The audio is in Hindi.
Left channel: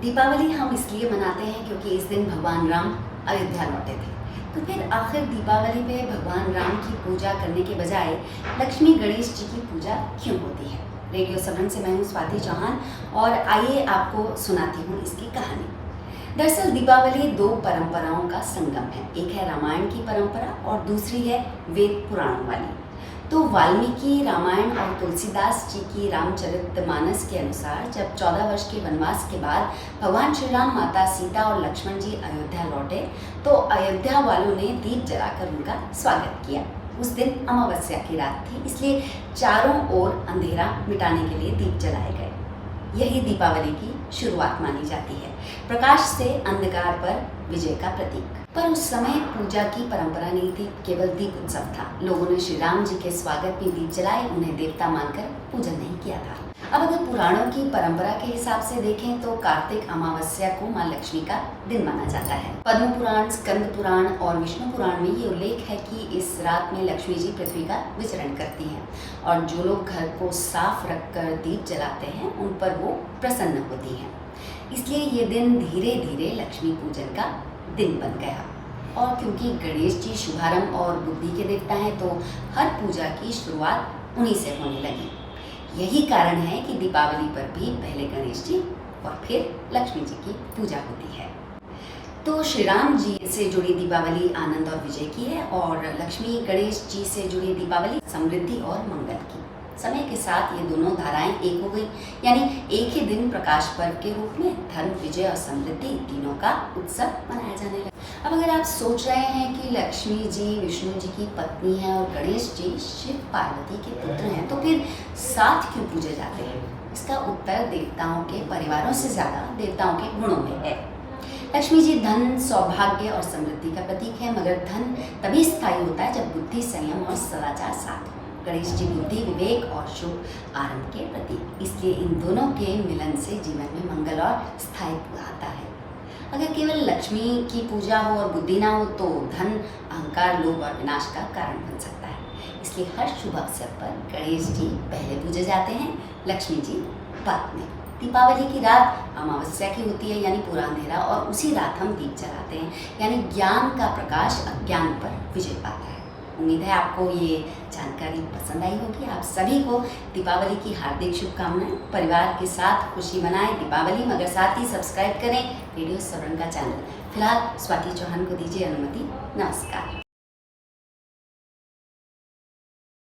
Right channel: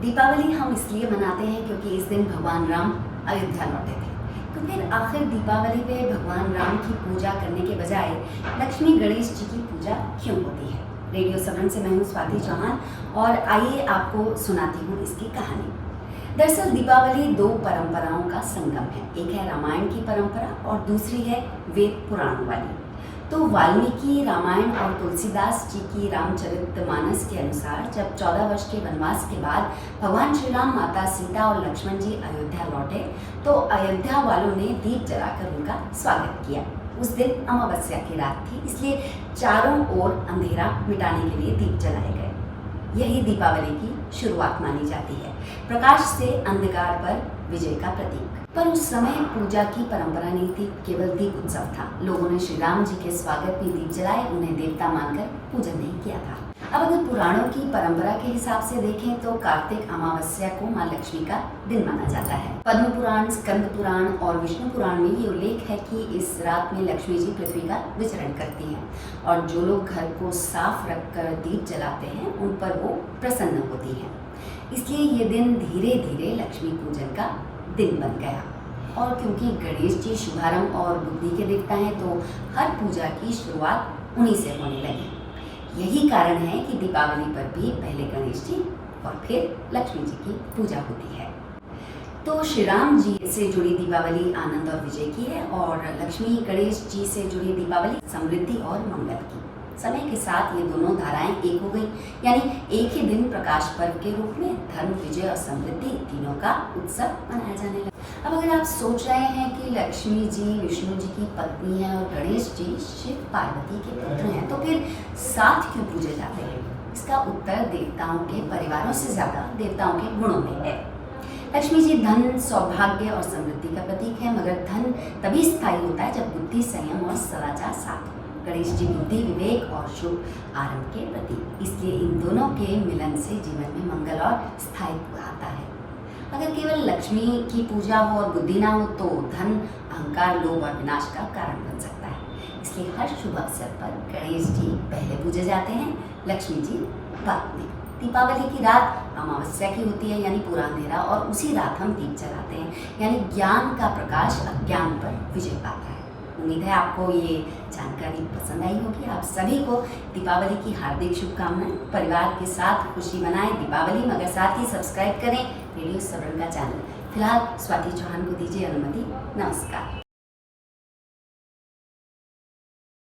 दीपावली हम इसलिए मनाते हैं क्योंकि इस दिन भगवान राम अयोध्या लौटे थे। तो फिर आखिर दीपावली पे भगवान राम की पूजा करने के बजाय लक्ष्मी गणेश जी की पूजा क्यों होती है? रेडियो सबरन से मैं हूँ स्वाति चौहान और आइए आपको सुनाती हूँ इसकी कहानी। दरअसल दीपावली दो परंपराओं का संगम है। एक है रामायण की परंपरा और दूसरी है वेद पुराणों वाली। तो वाल्मीकि रामायण और तुलसीदास जी की रामचरितमानस के अनुसार जब 14 वर्ष के वनवास के बाद भगवान श्री राम, माता सीता और लक्ष्मण जी अयोध्या लौटे तो अयोध्या वालों ने दीप जलाकर उनका स्वागत किया। उस दिन अमावस्या की रात थी, इसलिए चारों ओर अंधेरा मिटाने के लिए दीप जलाए गए। यही दीपावली की शुरुआत मानी जाती है, प्रकाश से अंधकार पर विजय का प्रतीक। पर उस समय पूजा की परंपरा नहीं थी, केवल दीप उत्सव था। लोगों ने श्री राम जी के स्वागत में दीप जलाए, उन्हें देवता मानकर पूजन नहीं किया था। अब अगर पुराणों की परंपरा के हिसाब से देखें तो कार्तिक अमावस्या को माँ लक्ष्मी का दिन माना जाता है। पद्म पुराण, स्कंद पुराण और विष्णु पुराण में ये उल्लेख है कि इस रात में लक्ष्मी जी पृथ्वी का विचरण करती हैं और जो लोग घर को साफ रखकर दीप जलाते हैं उन पर वो प्रसन्न होती हैं। इसलिए ये दिन धीरे धीरे लक्ष्मी पूजन का दिन बन गया। और क्योंकि गणेश जी शुभारंभ और बुद्धि के देवता हैं तो हर पूजा की शुरुआत उन्हीं से होने लगी। यही कारण है कि दीपावली पर भी पहले गणेश जी और फिर लक्ष्मी जी की पूजा होती है। तो श्री राम जी से जुड़ी दीपावली आनंद और विजय की है और लक्ष्मी गणेश जी से जुड़ी दीपावली समृद्धि और मंगल की। समय के साथ ये दोनों धाराएं एक हो गई, यानी एक ही दिन प्रकाश पर्व के रूप में धर्म, विजय और समृद्धि तीनों का उत्सव मनाया जाने लगा। अब अगर आप सोच रहे हैं कि लक्ष्मी जी विष्णु जी की पत्नी है और गणेश जी शिव पार्वती के पुत्र हैं, तो फिर साथ क्यों पूजे जाते हैं? इसका उत्तर देवताओं के परिवारों से ज्यादा देवताओं के गुणों में है। लक्ष्मी जी धन, सौभाग्य और समृद्धि का प्रतीक है, मगर धन तभी स्थायी होता है जब बुद्धि, संयम और सदाचार साथ हो। गणेश जी बुद्धि, विवेक और शुभ आरंभ के प्रतीक, इसलिए इन दोनों के मिलन से जीवन में मंगल और स्थायित्व आता है। अगर केवल लक्ष्मी की पूजा हो और बुद्धि ना हो तो धन, अहंकार, लोभ और विनाश का कारण बन सकता है। इसलिए हर शुभ अवसर पर गणेश जी पहले पूजे जाते हैं, लक्ष्मी जी बाद में। दीपावली की रात अमावस्या की होती है, यानी पूरा अंधेरा, और उसी रात हम दीप जलाते हैं, यानी ज्ञान का प्रकाश अज्ञान पर विजय पाता है। उम्मीद है आपको ये जानकारी पसंद आई होगी। आप सभी को दीपावली की हार्दिक शुभकामनाएं। परिवार के साथ खुशी मनाएं दीपावली, मगर साथ ही सब्सक्राइब करें रेडियो सबरन का चैनल। फिलहाल स्वाति चौहान को दीजिए अनुमति। नमस्कार।